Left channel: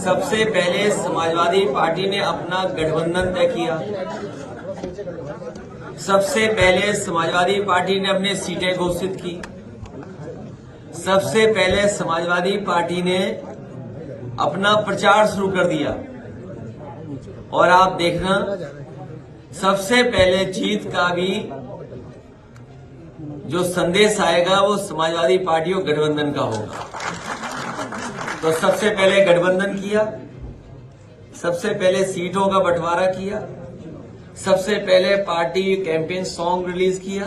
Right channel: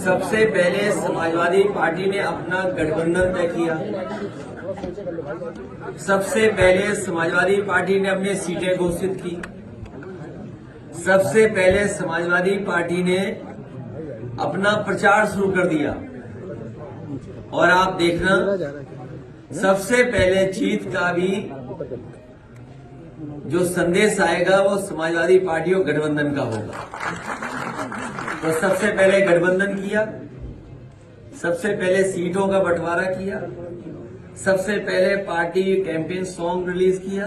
सबसे पहले समाजवादी पार्टी ने अपना गठबंधन तय किया। सबसे पहले समाजवादी पार्टी ने अपनी सीटें घोषित की। सबसे पहले समाजवादी पार्टी ने अपना प्रचार शुरू कर दिया। और आप देखना, सबसे पहले जीत का भी जो संदेश आएगा वो समाजवादी पार्टी और गठबंधन का होगा। तो सबसे पहले गठबंधन किया, सबसे पहले सीटों का बंटवारा किया, सबसे पहले पार्टी कैंपेन सॉन्ग रिलीज किया।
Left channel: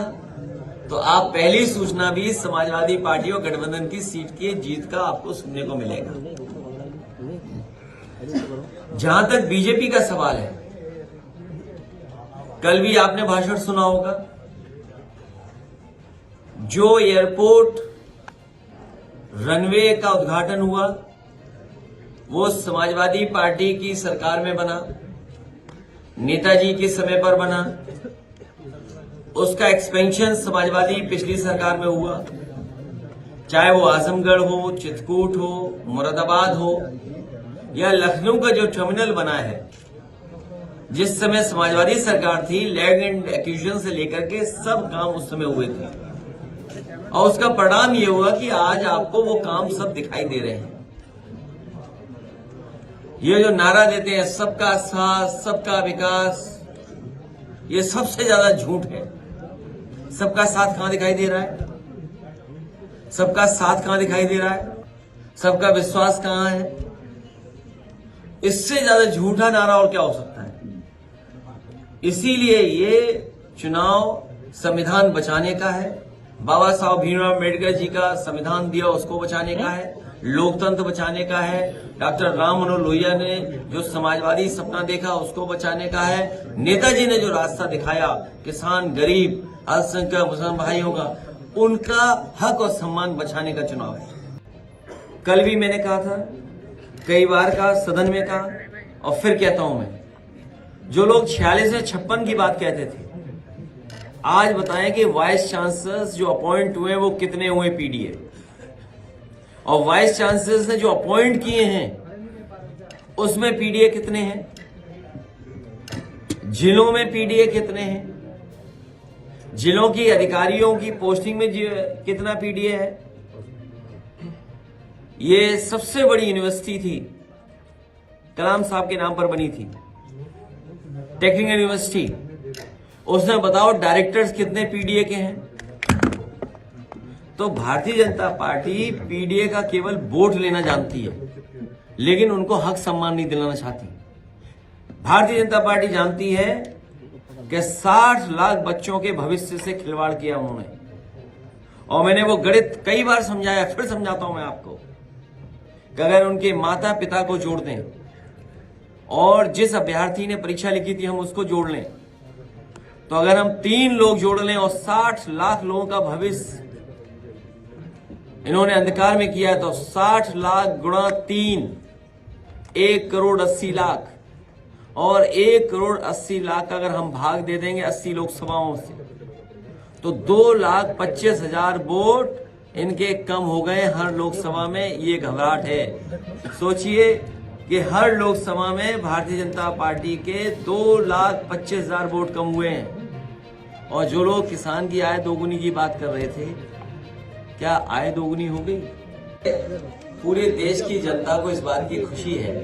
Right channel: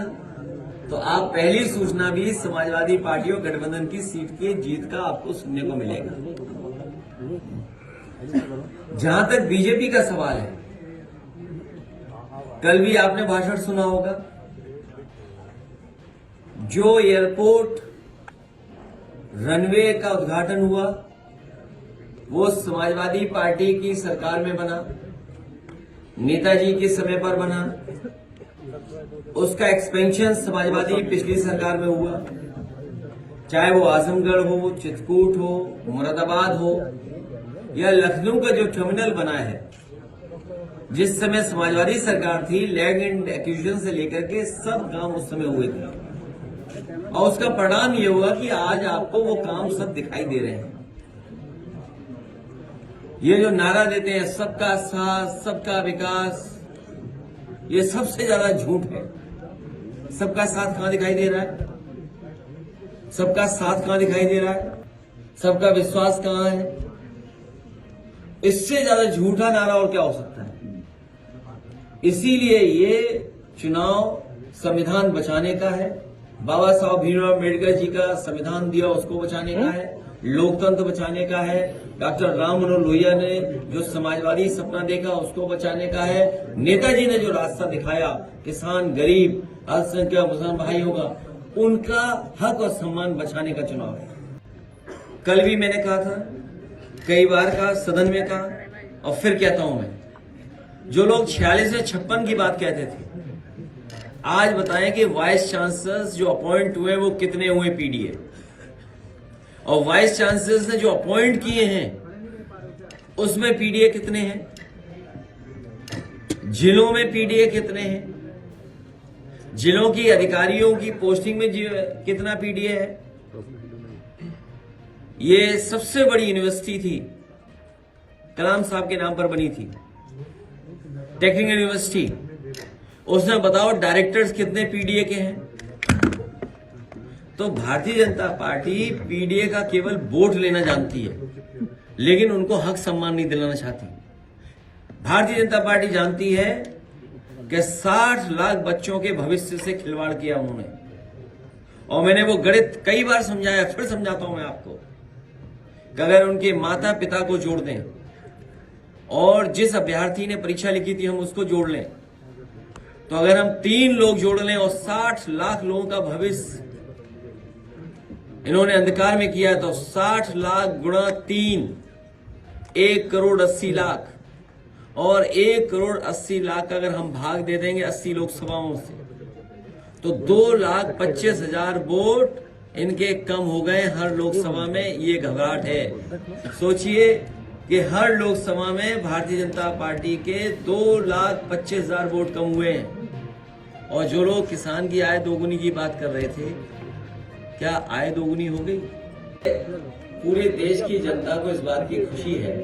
तो आप पहली सूचना भी समाजवादी पार्टी और गठबंधन की सीट की जीत का आपको सुनने को मिलेगा। जहां तक बीजेपी का सवाल है, कल भी आपने भाषण सुना होगा। जो एयरपोर्ट रनवे का उद्घाटन हुआ वो समाजवादी पार्टी की सरकार में बना, नेताजी के समय पर बना। उसका एक्सपेंशन समाजवादी पिछली सरकार में हुआ, चाहे वो आजमगढ़ हो, चित्रकूट हो, मुरादाबाद हो या लखनऊ का जो टर्मिनल बना है। जिस समय समाजवादी सरकार थी, लैंड एंड एक्विजिशन से लेकर के सब काम उस समय हुए थे। और उसका परिणाम ये हुआ कि आज आपको वो काम सब दिखाई दे रहे हैं। ये जो नारा देते हैं सबका साथ सबका विकास, ये सबसे ज्यादा झूठ है। सबका साथ कहां दिखाई दे रहा है? सबका साथ कहां दिखाई दे रहा है? सबका विश्वास कहां है? इससे ज्यादा झूठा नारा और क्या हो सकता है? इसीलिए ये चुनाव संविधान बचाने का है। बाबा साहब भीमराव अम्बेडकर जी का संविधान दिया, उसको बचाने का है। लोकतंत्र बचाने का है। डॉक्टर राम मनोहर लोहिया ने जो समाजवादी सपना देखा, उसको बचाने का है। नेताजी ने जो रास्ता दिखाया, किसान, गरीब, अल्पसंख्यक मुसलमान भाइयों का, उनका हक और सम्मान बचाने का चुनाव है। कल भी मैंने कहा था, कई बार कहा, सदन में कहा और फिर कहता हूं मैं, जो लोग 46 से 56 की बात कहते थे, आज बताएं कि वाइस चांसलर्स जो अपॉइंट हुए वो कितने हुए पीडीए, और वाइस चांसलर्स ने जो अपॉइंट किए हैं उसमें पीडीए कितने हैं, जिलों में पीडीए कितने हैं, जिलों की अधिकारियों की पोस्टिंग में कितना पीडीए है। ये सबसे बड़ी यूनिवर्सिटी थी, कलाम साहब के नाम पर बनी थी, टेक्निकल यूनिवर्सिटी। उसने बताओ डायरेक्टर्स कितने पीडीए के हैं। तो भारतीय जनता पार्टी पीडीए का केवल वोट लेना जानती है, लेकिन उनको हक सम्मान नहीं दिलाना चाहती। भारतीय जनता पार्टी जानती है कि 60 लाख बच्चों के भविष्य से खिलवाड़ किया उन्होंने। और मैंने वो गणित कई बार समझाया, फिर समझाता हूं मैं आपको, कि अगर उनके माता पिता को जोड़ दें और जिस अभ्यर्थी ने परीक्षा लिखी थी हम उसको जोड़ लें, तो अगर हम 3 लोग जोड़ लें और 60 लाख लोगों का भविष्य इन्होंने अंधकार में किया, तो 60 लाख गुणा 3, 1 करोड़ 80 लाख। और 1 करोड़ 80 लाख का अगर हम भाग दे देंगे 80 लोकसभाओं से, तो 2,25,000 वोट इनके कम हो गए हर लोकसभा में। ये घबराहट है। सोचिए कि हर लोकसभा में भारतीय जनता पार्टी के 2,25,000 वोट कम हुए हैं। और जो लोग किसान की आय दोगुनी की बात कर रहे थे, क्या आय दोगुनी हो गई? पूरे देश की जनता को इस बात की खुशी है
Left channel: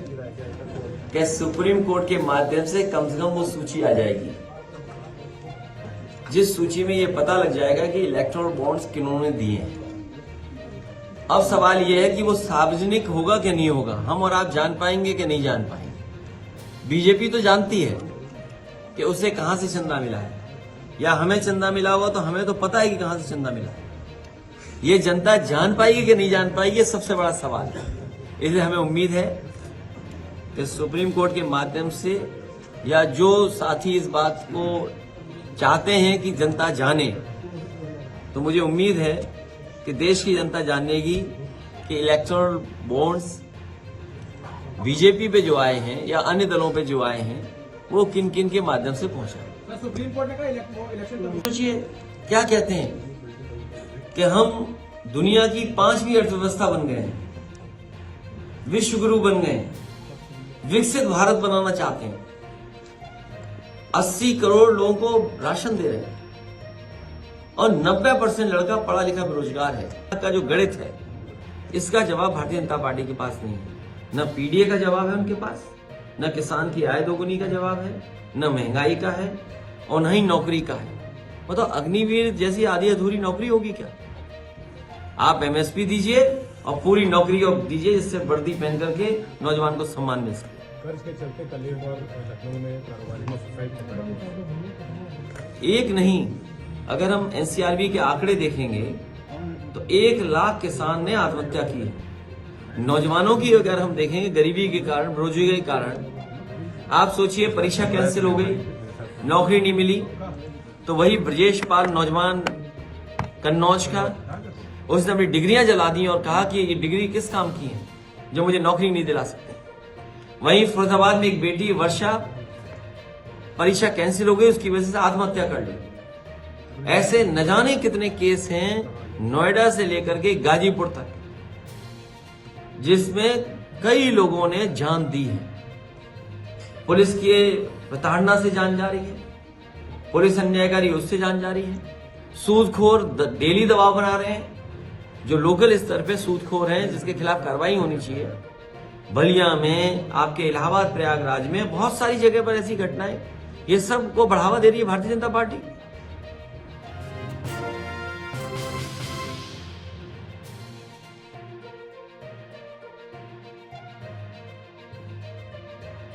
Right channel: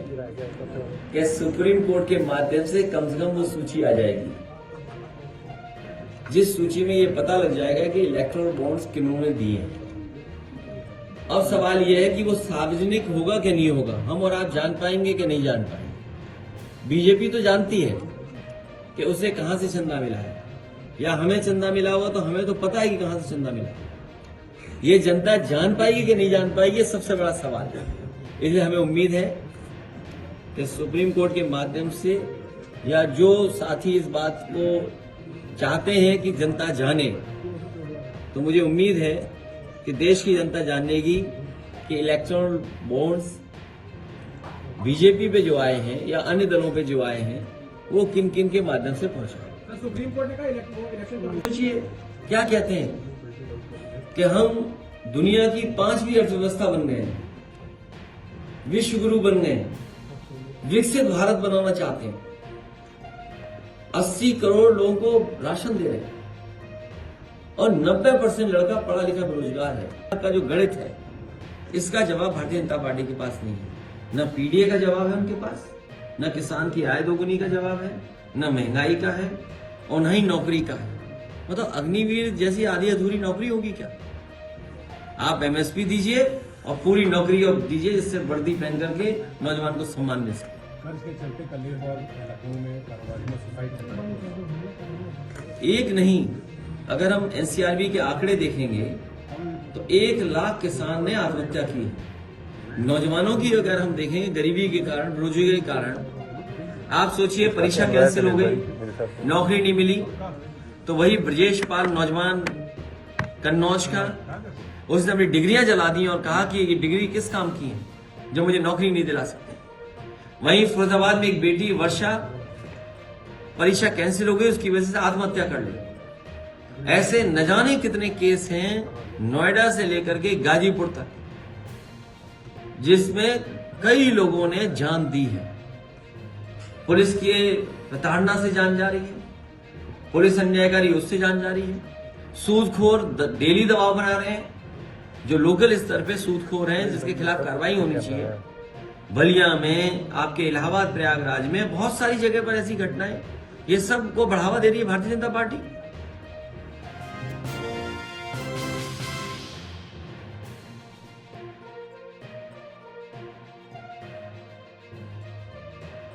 कि सुप्रीम कोर्ट के माध्यम से कम वो सूची आ जाएगी, जिस सूची में ये पता लग जाएगा कि इलेक्टोरल बॉन्ड्स किन्होंने दिए हैं। अब सवाल यह है कि वो सार्वजनिक होगा कि नहीं होगा, हम और आप जान पाएंगे कि नहीं जान पाएंगे। बीजेपी तो जानती है कि उसे कहां से चंदा मिला है, या हमें चंदा मिला हुआ तो हमें तो पता है कि कहां से चंदा मिला। ये जनता जान पाएगी कि नहीं जान पाएगी, ये सबसे बड़ा सवाल है। इसलिए हमें उम्मीद है कि सुप्रीम कोर्ट के माध्यम से, या जो साथी इस बात को चाहते हैं कि जनता जाने, तो मुझे उम्मीद है कि देश की जनता जानेगी कि इलेक्टोरल बॉन्ड्स बीजेपी पे जो आए हैं या अन्य दलों पे जो आए हैं वो किन किन के माध्यम से पहुंचा। सुप्रीम कोर्ट ने कहा इलेक्शन, सोचिए क्या कहते हैं कि हम दुनिया की 5वीं अर्थव्यवस्था बन गए हैं, विश्व गुरु बन गए, विकसित भारत बनाना चाहते हैं, 80 करोड़ लोगों को राशन दे रहे हैं और 90% लड़का पढ़ा लिखा बेरोजगार है। का जो गणित है, इसका जवाब भारतीय जनता पार्टी के पास नहीं है। न पीडीए का जवाब है उनके पास, न किसान की आय दोगुनी का जवाब है, न महंगाई का है और न ही नौकरी का है। मतलब अग्निवीर जैसी आधी अधूरी नौकरी होगी क्या? आप एमएसपी दीजिए और पूरी नौकरी और दीजिए, जिससे वर्दी पहन करके नौजवान को सम्मान मिल सके। इसके चलते कल और लखनऊ में कारोबारी ने सुसाइड एक नहीं, अगर हम एनसीआरबी के आंकड़े देखेंगे तो 1 लाख किसान ने आत्महत्या की है। नौजवानों की अगर हम देखेंगे, गरीबी के कारण, बेरोजगारी के कारण, आप सोचिए परीक्षा कैंसिल हो गई, नौकरी नहीं मिली, तो वही ब्रजेश पाल नौजवान कन्नौज का, उसने अपनी डिग्रियां जला दी और कहा कि ये डिग्री किस काम की है जो मुझे नौकरी नहीं दिला सकते। वहीं फरीदाबाद में एक बेटी वर्षा, परीक्षा कैंसिल हो गई, उसकी वजह से आत्महत्या कर ली। ऐसे न जाने कितने केस हैं नोएडा से लेकर के गाजीपुर तक, जिसमें कई लोगों ने जान दी है। पुलिस की प्रताड़ना से जान जा रही है, पुलिस अन्यायकारी उससे जान जा रही है, सूदखोर डेली दबाव बना रहे हैं, जो लोकल स्तर पे सूदखोर हैं जिसके खिलाफ कार्रवाई होनी चाहिए। बलिया में, आपके इलाहाबाद प्रयागराज में बहुत सारी जगह पर ऐसी घटनाएं, ये सब को बढ़ावा दे रही है भारतीय जनता पार्टी।